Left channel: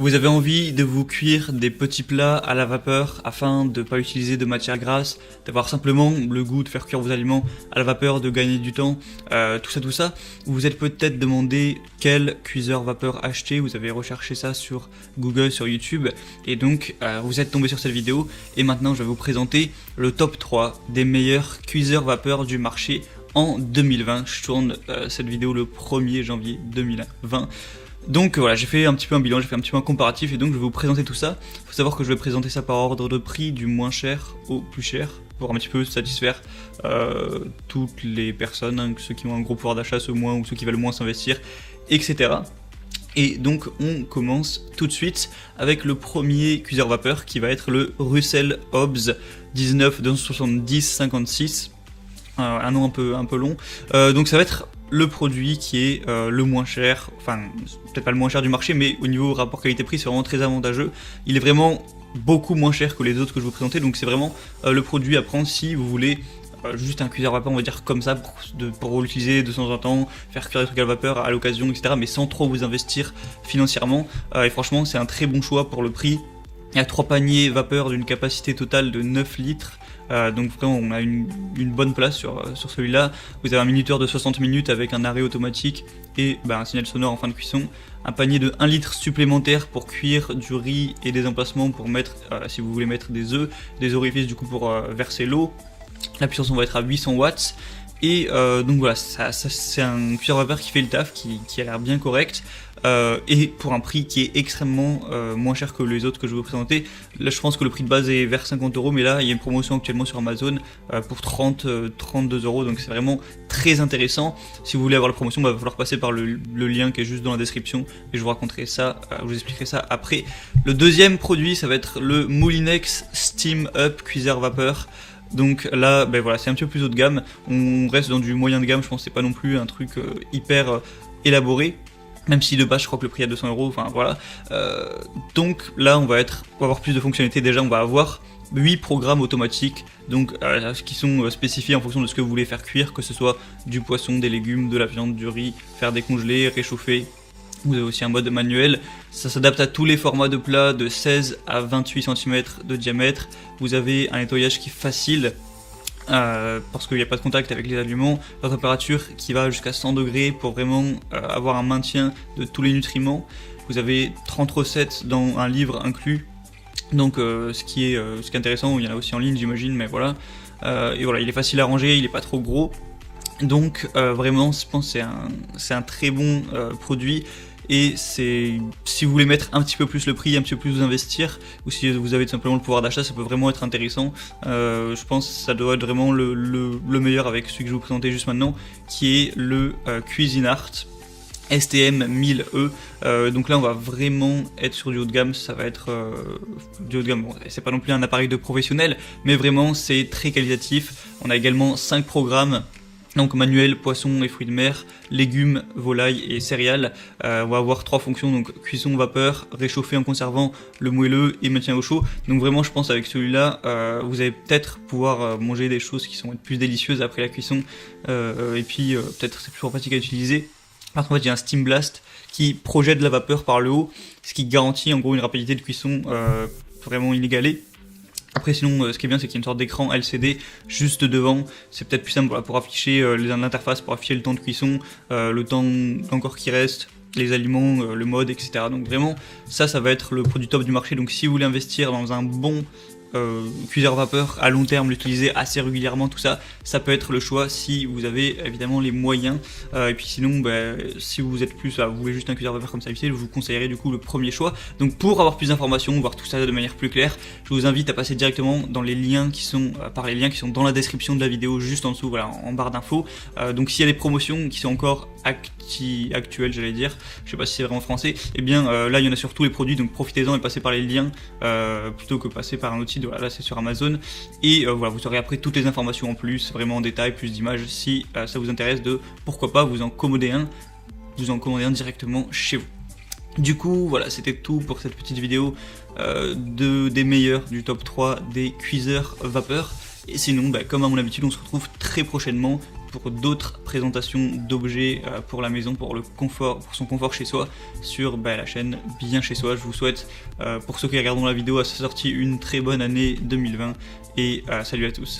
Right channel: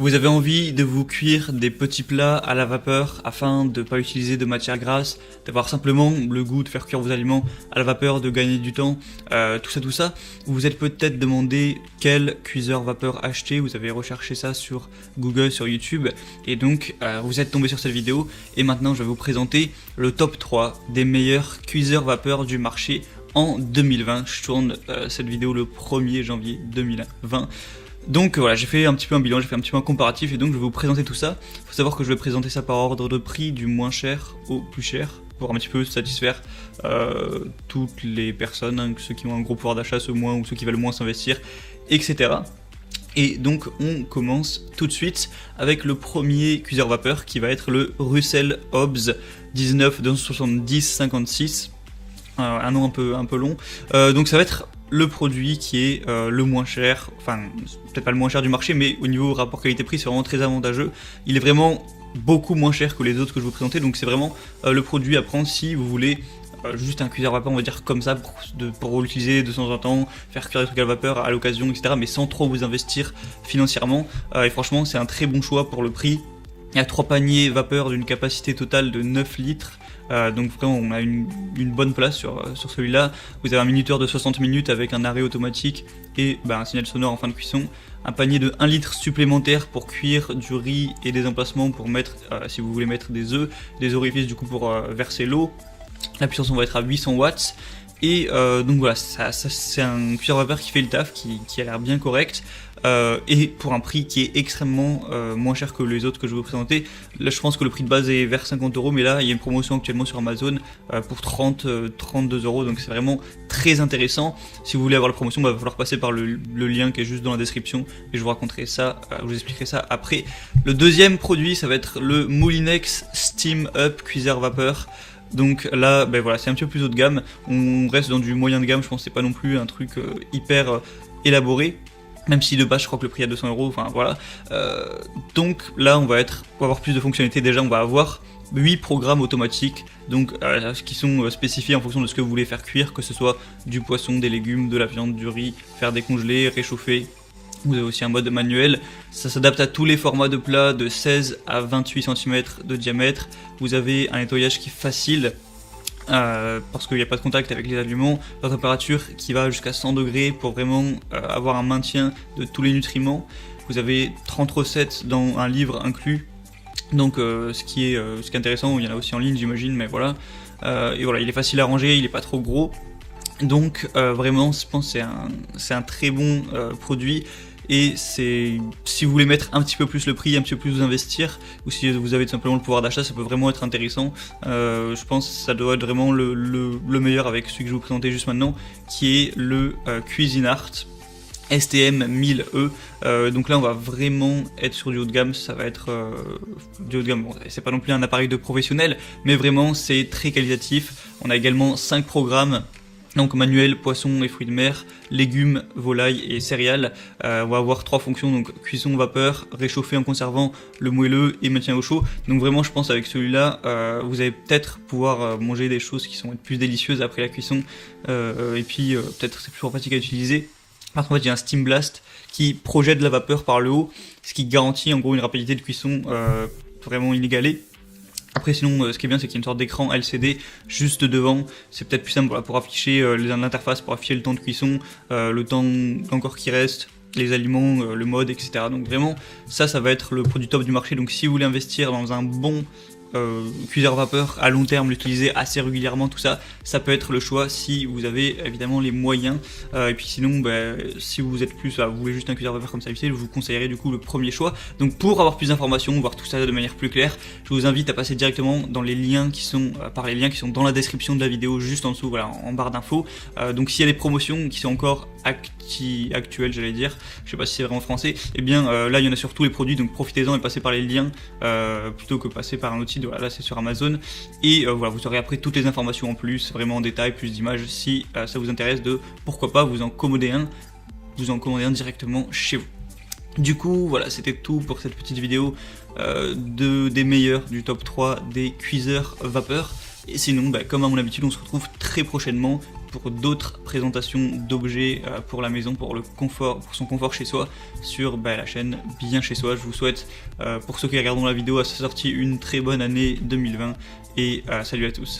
Vous avez envie de vous cuire des petits plats à la vapeur afin de ne pas utiliser de matière grasse, d'avoir simplement le goût de faire cuire vos aliments à la vapeur, de gagner du temps, tout ça. Vous êtes peut-être demandé quel cuiseur vapeur acheter, vous avez recherché ça sur Google, sur YouTube, et donc vous êtes tombé sur cette vidéo, et maintenant je vais vous présenter le top 3 des meilleurs cuiseurs vapeur du marché en 2020. Je tourne cette vidéo le 1er janvier 2020. Donc voilà, j'ai fait un petit peu un bilan, j'ai fait un petit peu un comparatif et donc je vais vous présenter tout ça. Faut savoir que je vais présenter ça par ordre de prix du moins cher au plus cher, pour un petit peu satisfaire toutes les personnes, hein, ceux qui ont un gros pouvoir d'achat, ceux moins ou ceux qui veulent moins s'investir, etc. Et donc on commence tout de suite avec le premier cuiseur vapeur qui va être le Russell Hobbs 19-70-56. Un nom un peu long. Donc ça va être le produit qui est le moins cher, enfin peut-être pas le moins cher du marché, mais au niveau rapport qualité-prix c'est vraiment très avantageux. Il est vraiment beaucoup moins cher que les autres que j'ai présentés, donc c'est vraiment le produit à prendre si vous voulez juste un cuiseur vapeur, on va dire comme ça, pour l'utiliser de temps en temps, faire cuire des trucs à vapeur à l'occasion, etc. Mais sans trop vous investir financièrement. Et franchement c'est un très bon choix pour le prix. Il y a 3 paniers vapeur d'une capacité totale de 9 litres. Donc vraiment on a une bonne place sur celui-là. Vous avez un minuteur de 60 minutes avec un arrêt automatique et un signal sonore en fin de cuisson. Un panier de 1 litre supplémentaire pour cuire du riz et des emplacements pour mettre, si vous voulez mettre des œufs, des orifices du coup pour verser l'eau. La puissance on va être à 800 watts. Et donc voilà, ça c'est un cuiseur vapeur qui fait le taf, qui a l'air bien correct. Et pour un prix qui est extrêmement moins cher que les autres que je vais vous présenter. Là je pense que le prix de base est vers 50 €, mais là il y a une promotion actuellement sur Amazon pour 32 €, donc c'est vraiment très intéressant. Si vous voulez avoir la promotion, il va falloir passer par le lien qui est juste dans la description et je vous raconterai ça, je vous expliquerai ça après. Le deuxième produit ça va être le Moulinex Steam Up cuiseur vapeur. Donc là, voilà, c'est un petit peu plus haut de gamme. On reste dans du moyen de gamme, je pense que c'est pas non plus un truc hyper élaboré. Même si de base je crois que le prix est à 200 €, enfin voilà. Donc là on va avoir plus de fonctionnalités. Déjà on va avoir 8 programmes automatiques, donc qui sont spécifiés en fonction de ce que vous voulez faire cuire, que ce soit du poisson, des légumes, de la viande, du riz, faire décongeler, réchauffer. Vous avez aussi un mode manuel, ça s'adapte à tous les formats de plats de 16 à 28 cm de diamètre. Vous avez un nettoyage qui est facile, parce qu'il n'y a pas de contact avec les aliments, la température qui va jusqu'à 100 degrés pour vraiment avoir un maintien de tous les nutriments. Vous avez 30 recettes dans un livre inclus, donc ce qui est intéressant, il y en a aussi en ligne j'imagine, mais voilà. Et voilà, il est facile à ranger, il est pas trop gros, donc vraiment je pense que c'est un très bon produit. Et si vous voulez mettre un petit peu plus le prix, un petit peu plus vous investir, ou si vous avez tout simplement le pouvoir d'achat, ça peut vraiment être intéressant. Je pense que ça doit être vraiment le meilleur avec celui que je vais vous présenter juste maintenant, qui est le Cuisinart STM 1000E. Donc là on va vraiment être sur du haut de gamme, ça va être du haut de gamme. Bon, c'est pas non plus un appareil de professionnel, mais vraiment c'est très qualitatif. On a également 5 programmes. Donc manuel, poisson et fruits de mer, légumes, volailles et céréales. On va avoir 3 fonctions, donc cuisson vapeur, réchauffer en conservant le moelleux et maintien au chaud. Donc vraiment je pense avec celui-là, vous allez peut-être pouvoir manger des choses qui sont plus délicieuses après la cuisson. Et puis peut-être c'est plus pratique à utiliser. Là en fait il y a un Steam Blast qui projette de la vapeur par le haut, ce qui garantit en gros une rapidité de cuisson vraiment inégalée. Après sinon ce qui est bien c'est qu'il y a une sorte d'écran LCD juste devant, c'est peut-être plus simple pour afficher l'interface, pour afficher le temps de cuisson, le temps encore qui reste, les aliments, le mode, etc. Donc vraiment ça va être le produit top du marché. Donc si vous voulez investir dans un bon cuiseur vapeur à long terme, l'utiliser assez régulièrement, tout ça, ça peut être le choix si vous avez évidemment les moyens. Et puis sinon, si vous êtes plus, vous voulez juste un cuiseur vapeur comme ça, je vous conseillerais du coup le premier choix. Donc pour avoir plus d'informations, voir tout ça de manière plus claire, je vous invite à passer directement dans les liens qui sont par les liens qui sont dans la description de la vidéo, juste en dessous, voilà, en barre d'infos. Donc s'il y a des promotions qui sont encore actuelles, j'allais dire, je sais pas si c'est vrai en français, et bien là il y en a sur tous les produits, donc profitez-en et passez par les liens plutôt que passer par un outil. Voilà, là c'est sur Amazon et voilà, vous aurez après toutes les informations en plus, vraiment en détail, plus d'images si ça vous intéresse, de pourquoi pas vous en commander un directement chez vous. Du coup voilà, c'était tout pour cette petite vidéo des meilleurs, du top 3 des cuiseurs vapeur. Et sinon comme à mon habitude on se retrouve très prochainement d'autres présentations d'objets pour la maison, pour le confort, pour son confort chez soi, sur la chaîne Bien Chez Soi. Je vous souhaite, pour ceux qui regardent la vidéo à sa sortie, une très bonne année 2020 et salut à tous.